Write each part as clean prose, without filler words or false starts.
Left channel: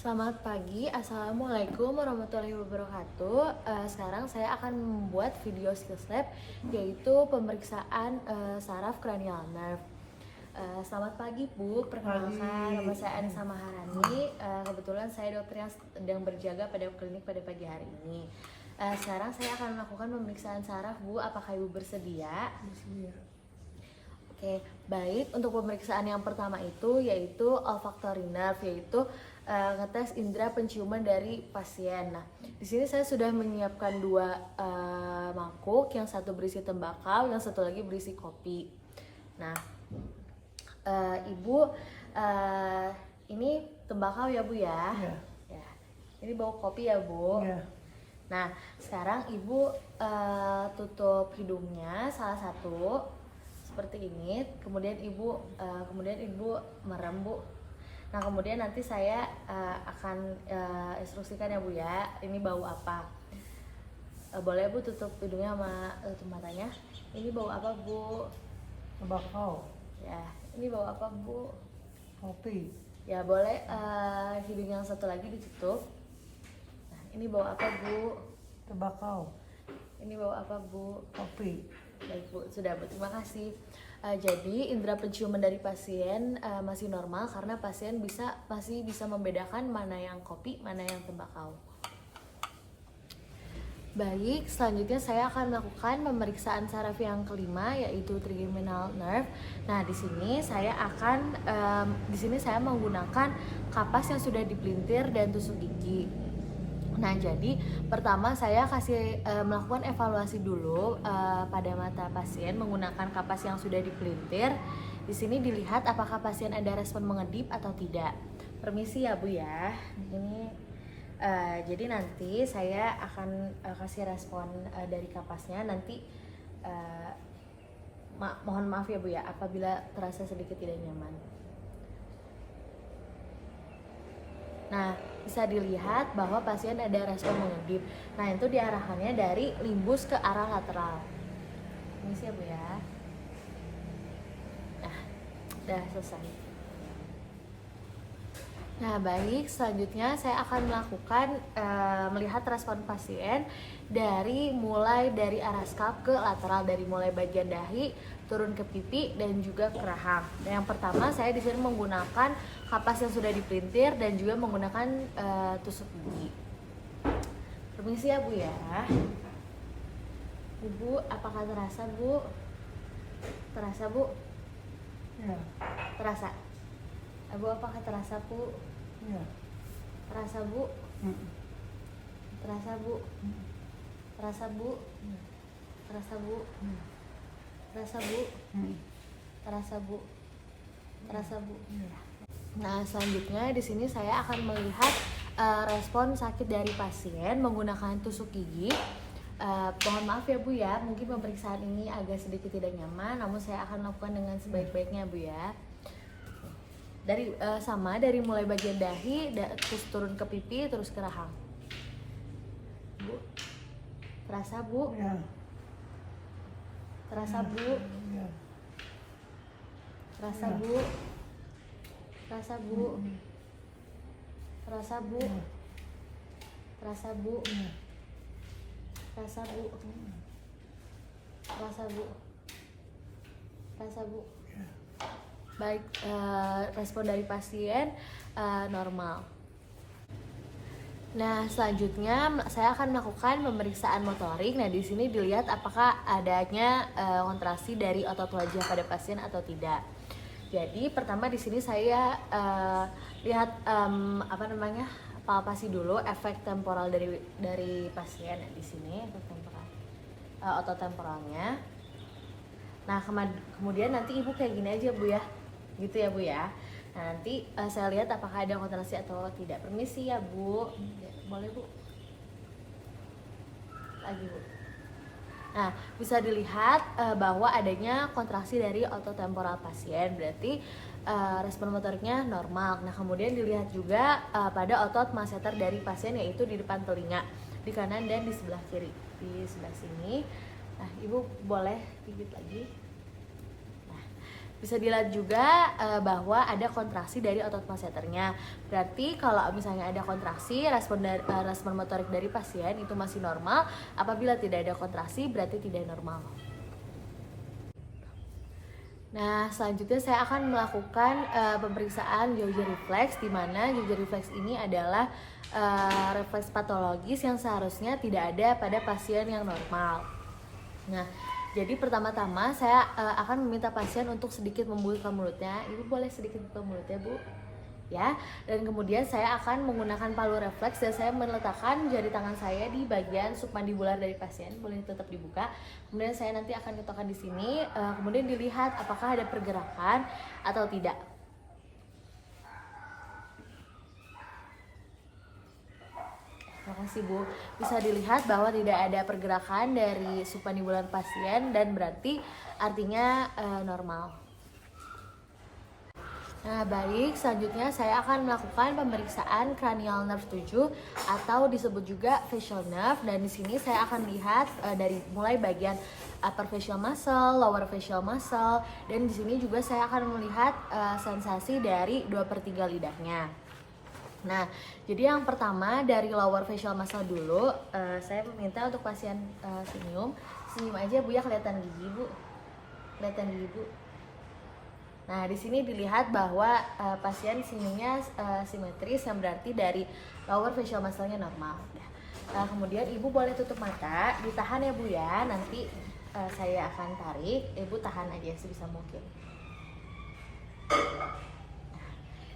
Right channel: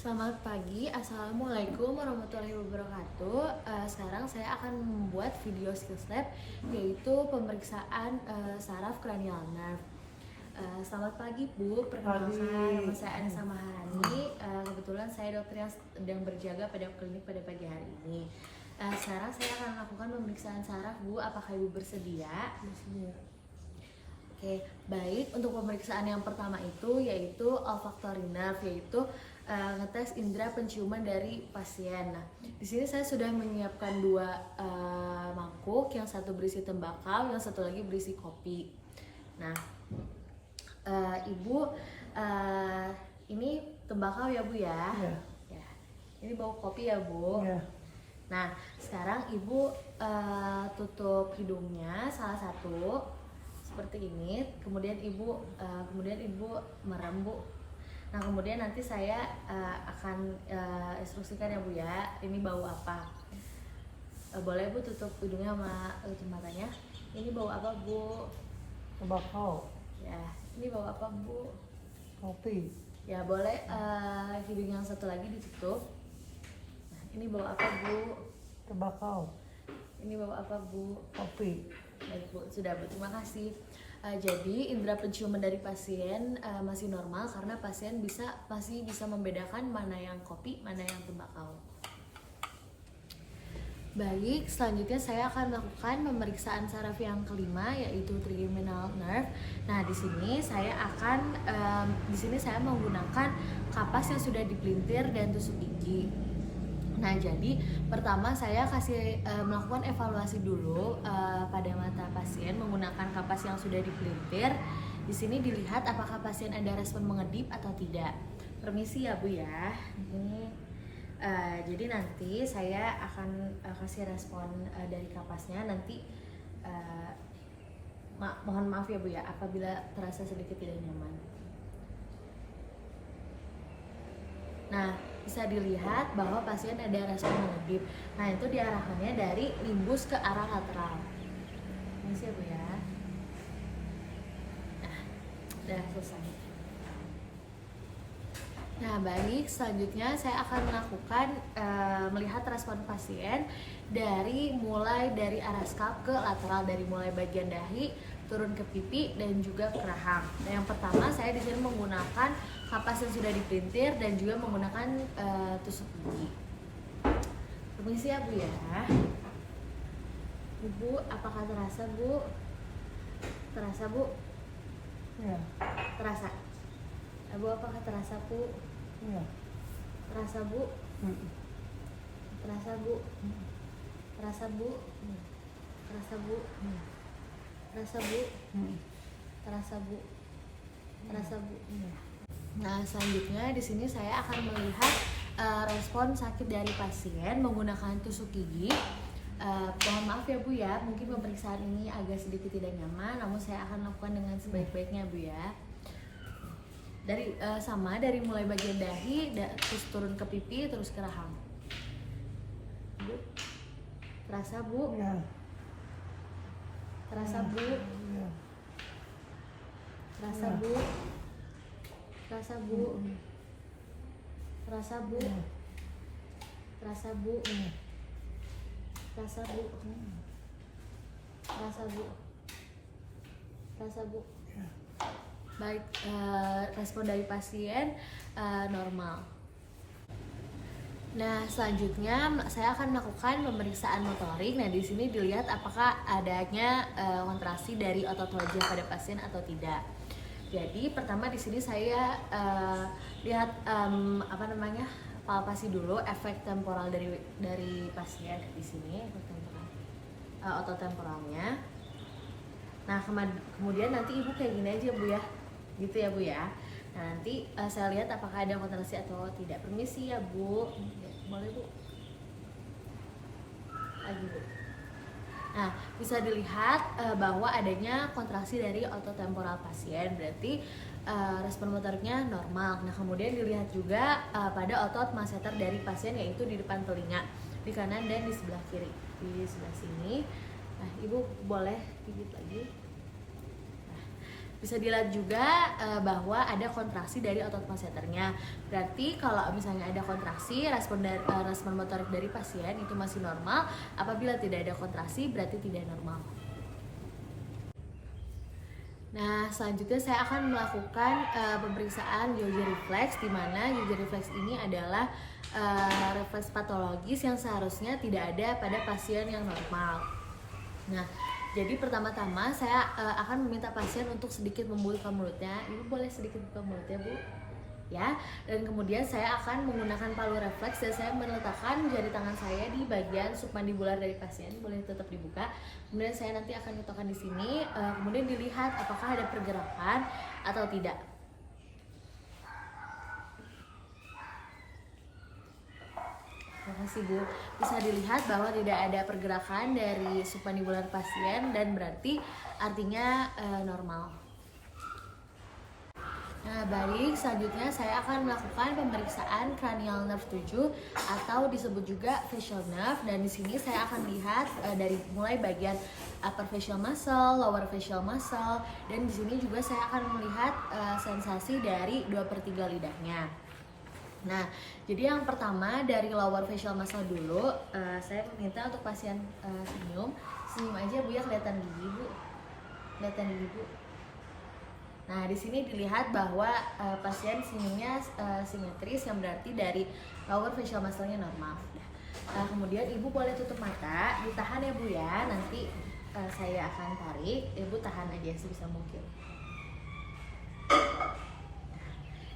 Selamat pagi, Assalamualaikum warahmatullahi wabarakatuh. Sekarang saya akan membuat video skill step, yaitu pemeriksaan saraf cranial nerve. Selamat pagi Bu, perkenalkan nama saya Anissa Maharani. Kebetulan saya dokter yang sedang berjaga pada klinik pada pagi hari ini. Sekarang saya akan melakukan pemeriksaan saraf Bu, apakah Ibu bersedia? Bersedia. Oke, baik. Untuk pemeriksaan yang pertama itu yaitu olfactory nerve, yaitu ngetes indera penciuman dari pasien. Nah, di sini saya sudah menyiapkan dua mangkuk, yang satu berisi tembakau, yang satu lagi berisi kopi. Nah, Ibu, ini tembakau ya Bu ya? Ya. Ya. Ini bau kopi ya Bu? Ya. Nah, sekarang Ibu tutup hidungnya salah satu seperti ini, kemudian ibu merem Bu. Nah, kemudian nanti saya akan instruksikan ya Bu ya, ini bau apa. Boleh Bu tutup hidungnya sama matanya. Ini bau apa Bu? Tembakau. Ya, ini bau apa Bu? Kopi. Ya, boleh hidung yang satu lagi ditutup. Nah, ini bau apa Bu? Tembakau. Ini bau apa Bu? Kopi. Baik Bu, sudah Bu, terima kasih. Jadi indera penciuman dari pasien masih normal karena pasien masih bisa membedakan mana yang kopi, mana yang tembakau. Baik, selanjutnya saya akan melakukan pemeriksaan saraf yang kelima, yaitu trigeminal nerve. Nah, di sini saya menggunakan kapas yang sudah dipelintir dan tusuk gigi. Nah, jadi pertama saya melakukan evaluasi dulu pada mata pasien menggunakan kapas yang sudah dipelintir. Di sini dilihat apakah pasien ada respon mengedip atau tidak. Permisi ya Bu ya. Ini jadi nanti saya akan kasih respon dari kapasnya. Nanti mohon maaf ya Bu ya apabila terasa sedikit tidak nyaman. Nah, bisa dilihat bahwa pasien ada respon mengedip. Nah, itu diarahkannya dari limbus ke arah lateral. Ini sih ya Bu ya. Nah, udah selesai. Nah, baik, selanjutnya saya akan melihat respon pasien mulai dari arah scalp ke lateral, dari mulai bagian dahi turun ke pipi dan juga ke rahang. Nah, yang pertama saya di sini menggunakan kapas yang sudah dipelintir dan juga menggunakan tusuk gigi. Permisi ya Bu ya. Ibu, apakah terasa Bu? Terasa Bu? Ya. Terasa. Bu, apakah terasa Bu? Ya. Terasa Bu? Terasa Bu? Terasa Bu? Terasa Bu? Terasa Bu? Terasa Bu? Terasa Bu? Nah, selanjutnya di sini saya akan melihat respon sakit dari pasien menggunakan tusuk gigi. Mohon maaf ya Bu ya, mungkin pemeriksaan ini agak sedikit tidak nyaman, namun saya akan lakukan dengan sebaik-baiknya Bu ya. Dari mulai bagian dahi terus turun ke pipi terus ke rahang. Bu, terasa Bu? Ya. Terasa Bu? Ya. Terasa Ya. Bu? Terasa Bu? Terasa Bu? Ya. Terasa Bu? Ya. Terasa Bu? Terasa Bu? Terasa Bu? Ya. Baik, respon dari pasien normal. Nah, selanjutnya saya akan melakukan pemeriksaan motorik. Nah, di sini dilihat apakah adanya kontraksi dari otot wajah pada pasien atau tidak. Jadi, pertama di sini saya lihat palpasi dulu efek temporal dari pasien. Di sini efek temporal, otot temporalnya. Nah, kemudian nanti Ibu kayak gini aja Bu ya, gitu ya Bu ya. Nah, nanti saya lihat apakah ada kontraksi atau tidak. Permisi ya Bu, ya, boleh Bu. Lagi Bu. Nah, bisa dilihat bahwa adanya kontraksi dari otot temporal pasien, berarti respon motoriknya normal. Nah, kemudian dilihat juga pada otot masseter dari pasien, yaitu di depan telinga, di kanan dan di sebelah kiri. Di sebelah sini. Nah, Ibu boleh gigit lagi. Nah, Bisa dilihat juga bahwa ada kontraksi dari otot masseternya. Berarti kalau misalnya ada kontraksi, respon motorik dari pasien itu masih normal. Apabila tidak ada kontraksi, berarti tidak normal. Nah, selanjutnya saya akan melakukan pemeriksaan Gouge reflex, di mana Gouge reflex ini adalah refleks patologis yang seharusnya tidak ada pada pasien yang normal. Nah, jadi pertama-tama saya akan meminta pasien untuk sedikit membuka mulutnya. Ibu boleh sedikit buka mulutnya, Bu? Ya. Dan kemudian saya akan menggunakan palu refleks dan saya meletakkan jari tangan saya di bagian submandibular dari pasien. Boleh tetap dibuka. Kemudian saya nanti akan letakkan di sini. Kemudian dilihat apakah ada pergerakan atau tidak. Terima kasih, Bu. Bisa dilihat bahwa tidak ada pergerakan dari submandibular pasien dan berarti artinya normal. Nah, baik, selanjutnya saya akan melakukan pemeriksaan cranial nerve 7 atau disebut juga facial nerve, dan di sini saya akan lihat dari mulai bagian upper facial muscle, lower facial muscle, dan di sini juga saya akan melihat sensasi dari 2/3 lidahnya. Nah, jadi yang pertama dari lower facial muscle dulu, saya minta untuk pasien senyum aja, Bu, ya, kelihatan gigi, Bu. Kelihatan gigi, Bu. Nah, di sini dilihat bahwa pasien senyumnya simetris, yang berarti dari lower facial muscle-nya normal. Nah, kemudian Ibu boleh tutup mata, ditahan ya, Bu, ya. Nanti saya akan tarik, Ibu tahan aja sebisa mungkin.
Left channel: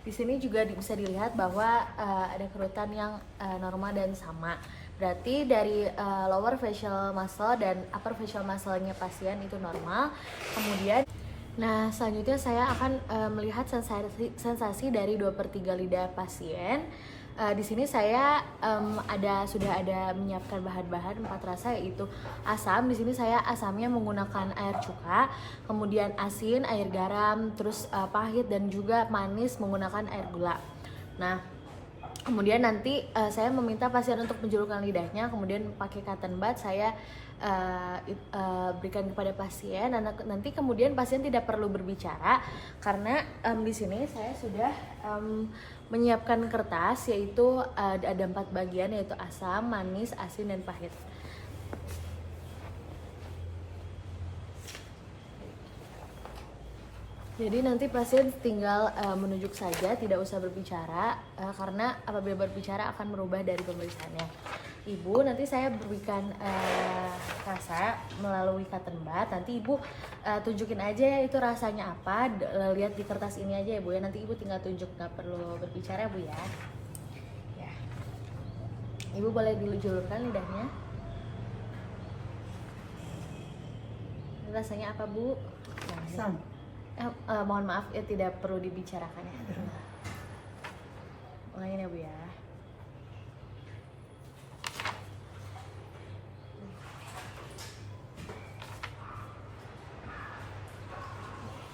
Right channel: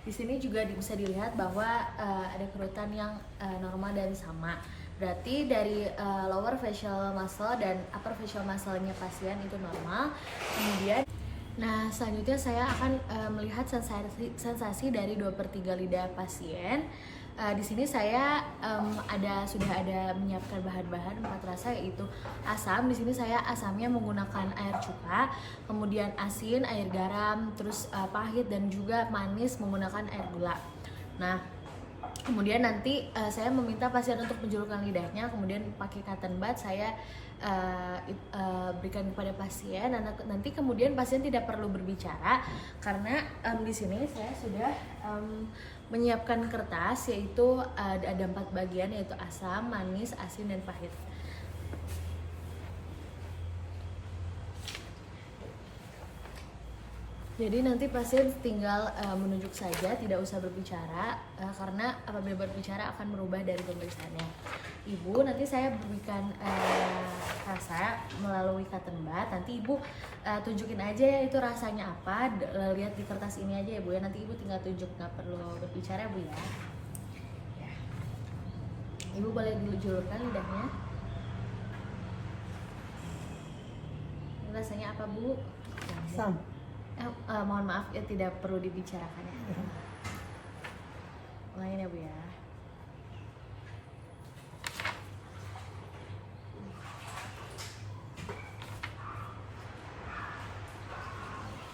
Di sini juga bisa dilihat bahwa ada kerutan yang normal dan sama. Berarti dari lower facial muscle dan upper facial muscle-nya pasien itu normal. Kemudian, nah, selanjutnya saya akan melihat sensasi dari 2/3 lidah pasien. Di sini saya sudah ada menyiapkan bahan-bahan 4 rasa, yaitu asam. Di sini saya asamnya menggunakan air cuka, kemudian asin, air garam, terus pahit dan juga manis menggunakan air gula. Nah, kemudian nanti saya meminta pasien untuk menjulurkan lidahnya, kemudian pakai cotton bud saya berikan kepada pasien, dan nanti kemudian pasien tidak perlu berbicara karena di sini saya sudah menyiapkan kertas, yaitu ada 4 bagian, yaitu asam, manis, asin, dan pahit. Jadi nanti pasien tinggal menunjuk saja, tidak usah berbicara, karena apabila berbicara akan merubah dari pemeriksaannya. Ibu, nanti saya berikan rasa melalui cotton bud. Nanti Ibu tunjukin aja itu rasanya apa, lihat di kertas ini aja ya, Bu, ya. Nanti Ibu tinggal tunjuk, nggak perlu berbicara, Bu, ya. Ibu boleh dijulurkan lidahnya. Ini rasanya apa, Bu? Asam. Mohon maaf ya, tidak perlu dibicarakan ya. Ulangin ya, Bu, ya.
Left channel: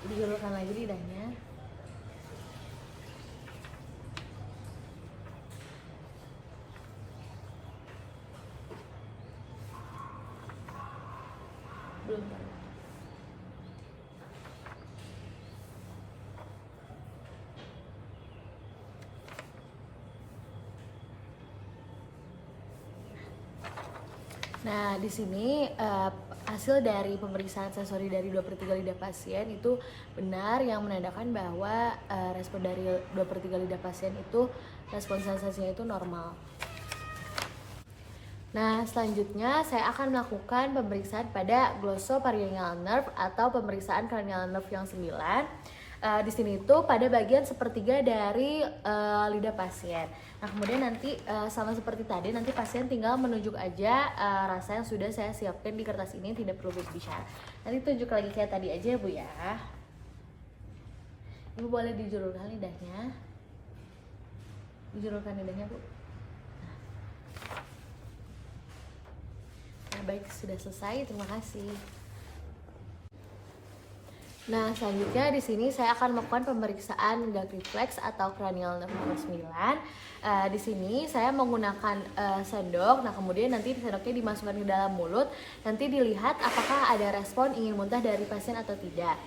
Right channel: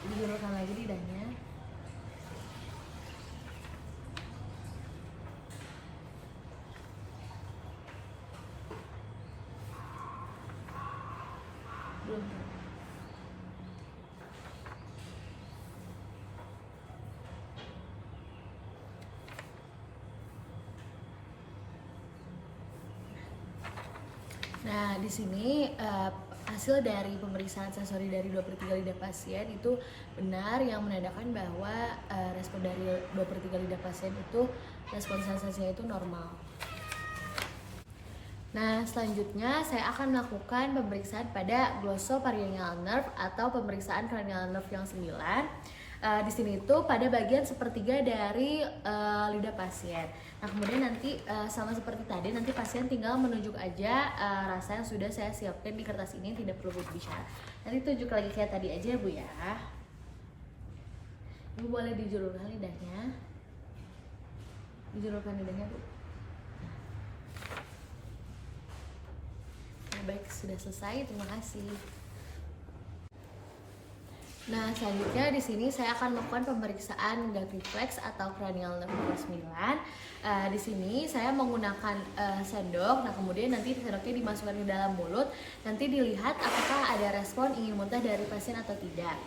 Dijulurkan lagi lidahnya. Belum. Nah, di sini hasil dari pemeriksaan sensori dari 2/3 lidah pasien itu benar, yang menandakan bahwa respon dari 2/3 lidah pasien itu respon sensasinya itu normal. Nah, selanjutnya saya akan melakukan pemeriksaan pada glossopharyngeal nerve atau pemeriksaan cranial nerve yang 9. Di sini itu pada bagian sepertiga dari lidah pasien. Nah, kemudian nanti sama seperti tadi, nanti pasien tinggal menunjuk aja rasa yang sudah saya siapkan di kertas ini, tidak perlu berbicara. Nanti tunjuk lagi kayak tadi aja, Bu, ya. Ibu boleh dijulurkan lidahnya. Dijulurkan lidahnya, Bu. Baik, sudah selesai. Terima kasih. Nah, selanjutnya di sini saya akan melakukan pemeriksaan gag reflex atau cranial nerve number 9. Di sini saya menggunakan sendok. Nah, kemudian nanti sendoknya dimasukkan ke dalam mulut. Nanti dilihat apakah ada respon ingin muntah dari pasien atau tidak.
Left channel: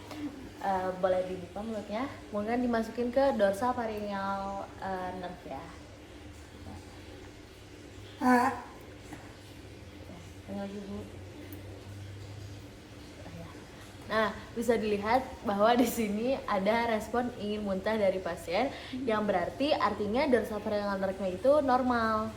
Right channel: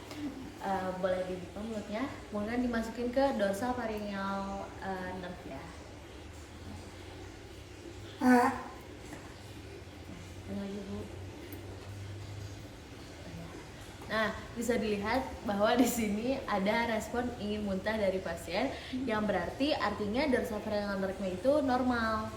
Boleh dibuka mulutnya, kemudian dimasukin ke dorsal pharyngeal nerve ya. Tinggal dulu. Nah, bisa dilihat bahwa di sini ada respon ingin muntah dari pasien, yang berarti artinya dorsal pharyngeal nerve itu normal.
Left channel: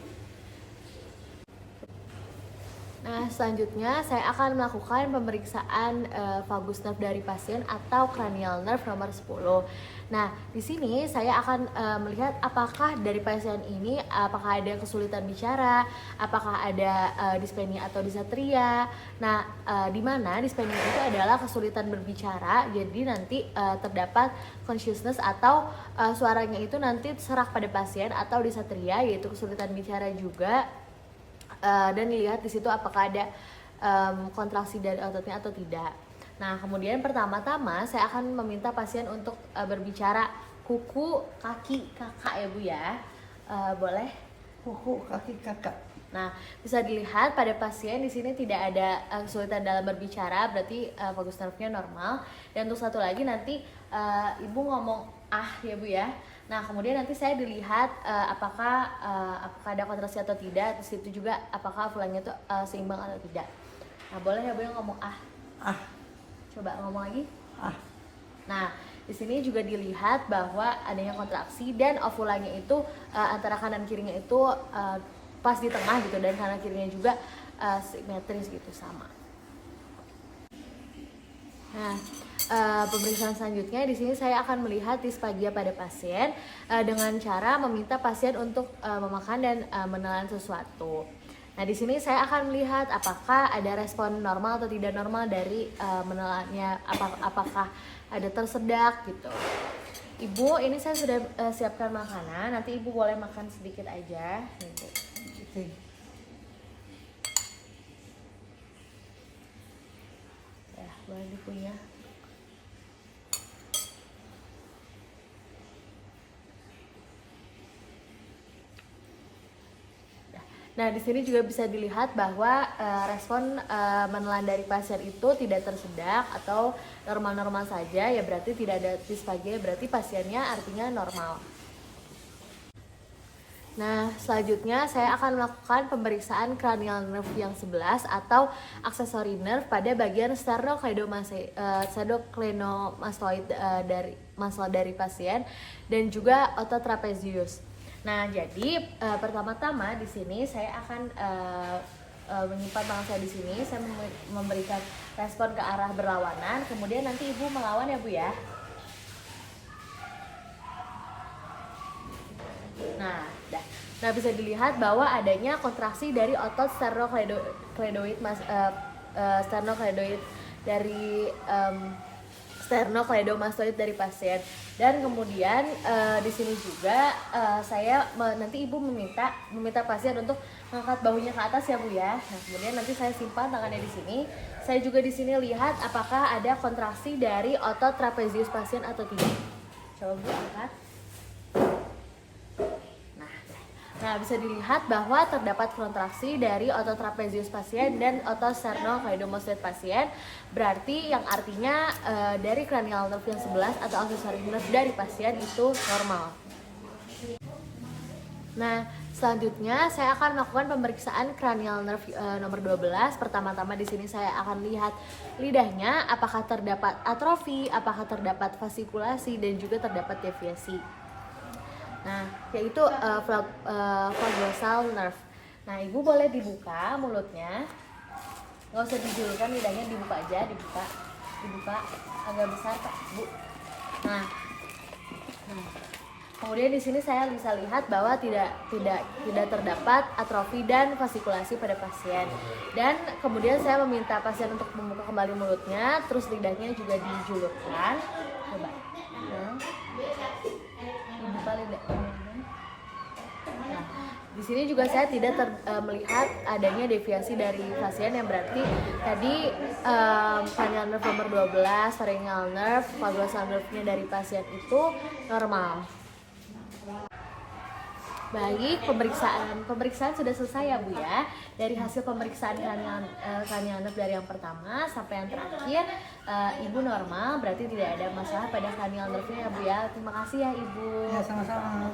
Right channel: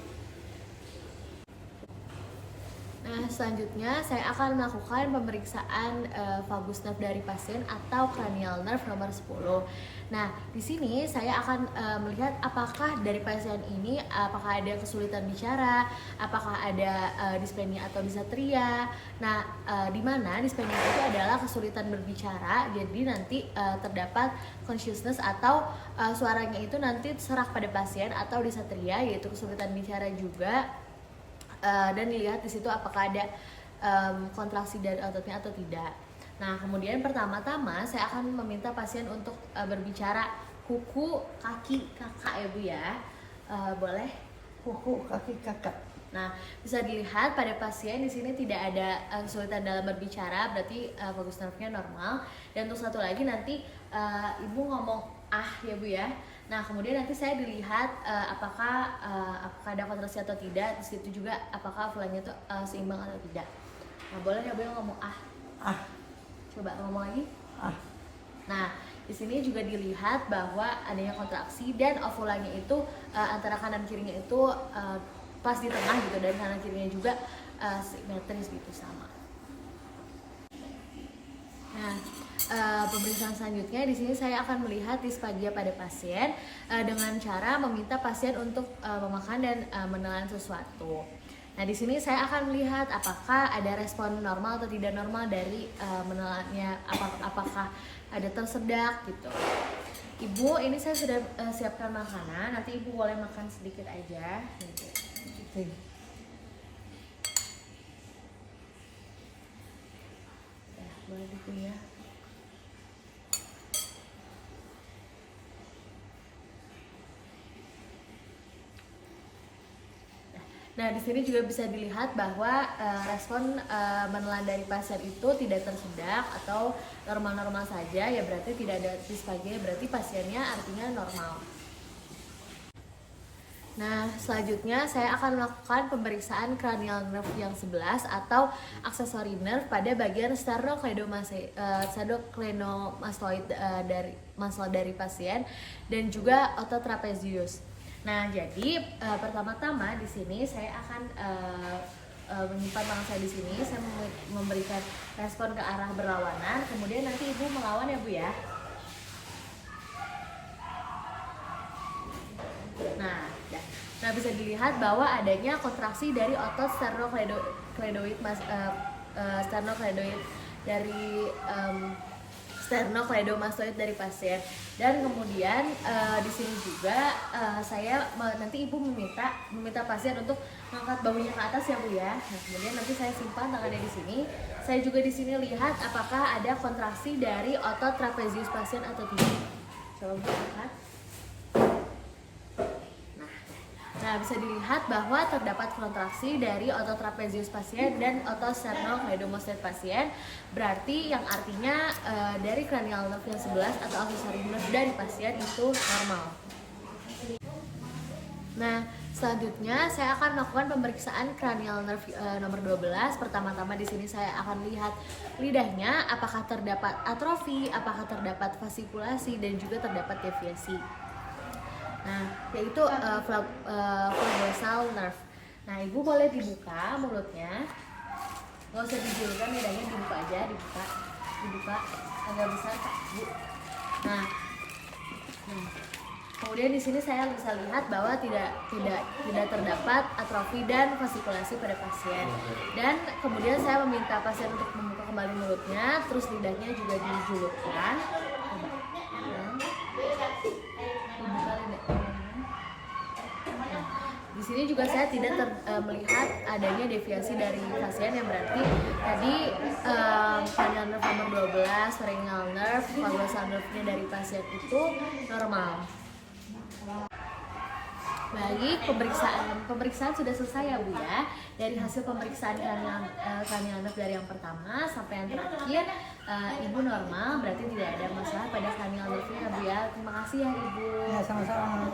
Nah, selanjutnya saya akan melakukan pemeriksaan vagus nerve dari pasien atau cranial nerve nomor 10. Nah, di sini saya akan melihat apakah dari pasien ini apakah ada kesulitan bicara, apakah ada dispenia atau disatria. Nah, di mana dispenia itu adalah kesulitan berbicara, jadi nanti terdapat consciousness atau suaranya itu nanti serak pada pasien, atau disatria yaitu kesulitan bicara juga. Dan dilihat di situ apakah ada kontraksi dari ototnya atau tidak. Nah, kemudian pertama-tama saya akan meminta pasien untuk berbicara kuku, kaki, kakak ya Bu ya. Boleh? Kuku, kaki, kakak. Nah, bisa dilihat pada pasien di sini tidak ada kesulitan dalam berbicara, berarti vagus nerve-nya normal. Dan untuk satu lagi nanti Ibu ngomong ya Bu ya. Nah, kemudian nanti saya dilihat apakah ada kontraksi atau tidak. Di situ juga apakah fulangnya itu seimbang atau tidak. Nah, boleh ya Bu yang ngomong Coba ngomong lagi. Nah, di sini juga dilihat bahwa adanya kontraksi dan ovulanya itu antara kanan kirinya itu pas di tengah gitu, dan kanan kirinya juga simetris gitu sama. Nah, pemeriksaan selanjutnya di sini saya akan melihat disfagia pada pasien dengan cara meminta pasien untuk memakan dan menelan sesuatu. Nah, di sini saya akan melihat apakah ada respon normal atau tidak normal dari menelannya, apakah ada tersedak gitu. Ibu, ini saya sudah siapkan makanan, nanti Ibu boleh makan sedikit aja gitu. Ya, boleh gitu ya. Nah, di sini juga bisa dilihat bahwa respon menelan dari pasien itu tidak tersedak atau normal-normal saja, ya berarti tidak ada disfagia, berarti pasiennya artinya normal. Nah, selanjutnya saya akan melakukan pemeriksaan cranial nerve yang 11 atau accessory nerve pada bagian sternocleidomastoid dari pasien, dan juga otot trapezius. Nah, jadi pertama-tama di sini saya akan menyimpan tangan saya di sini, saya memberikan respon ke arah berlawanan, kemudian nanti Ibu melawan ya Bu ya. Nah, bisa dilihat bahwa adanya kontraksi dari otot sternocleidoid dari sternocleidomastoid dari pasien. Dan kemudian di sini juga nanti Ibu meminta pasien untuk mengangkat bahunya ke atas ya Bu ya. Nah, kemudian nanti saya simpan tangannya di sini. Saya juga di sini lihat apakah ada kontraksi dari otot trapezius pasien atau tidak. Coba Bu angkat. Nah, bisa dilihat bahwa terdapat kontraksi dari otot trapezius pasien dan otot sternocleidomastoid pasien, berarti yang artinya dari cranial nerve yang 11 atau accessory nerve dari pasien itu normal. Nah, selanjutnya saya akan melakukan pemeriksaan cranial nerve nomor 12. Pertama-tama di sini saya akan lihat lidahnya apakah terdapat atrofi, apakah terdapat fasikulasi, dan juga terdapat deviasi. Nah, yaitu vagus nerve. Nah, Ibu boleh dibuka mulutnya, nggak usah dijulurkan, lidahnya dibuka aja, dibuka agak besar Pak Bu. Nah, kemudian di sini saya bisa lihat bahwa tidak terdapat atrofi dan fasikulasi pada pasien. Dan kemudian saya meminta pasien untuk membuka kembali mulutnya, terus lidahnya juga dijulurkan. Coba. Dibuka lidahnya. Nah, Di sini juga saya tidak melihat adanya deviasi dari pasien, yang berarti tadi cranial nerve nomor 12, pharyngeal nerve, vagusal nerve-nya dari pasien itu normal. Baik, pemeriksaan sudah selesai ya Bu ya. Dari hasil pemeriksaan cranial nerve dari yang pertama sampai yang terakhir, Ibu normal, berarti tidak ada masalah pada cranial nerve-nya ya Bu ya. Terima kasih ya Ibu. Ya, sama-sama.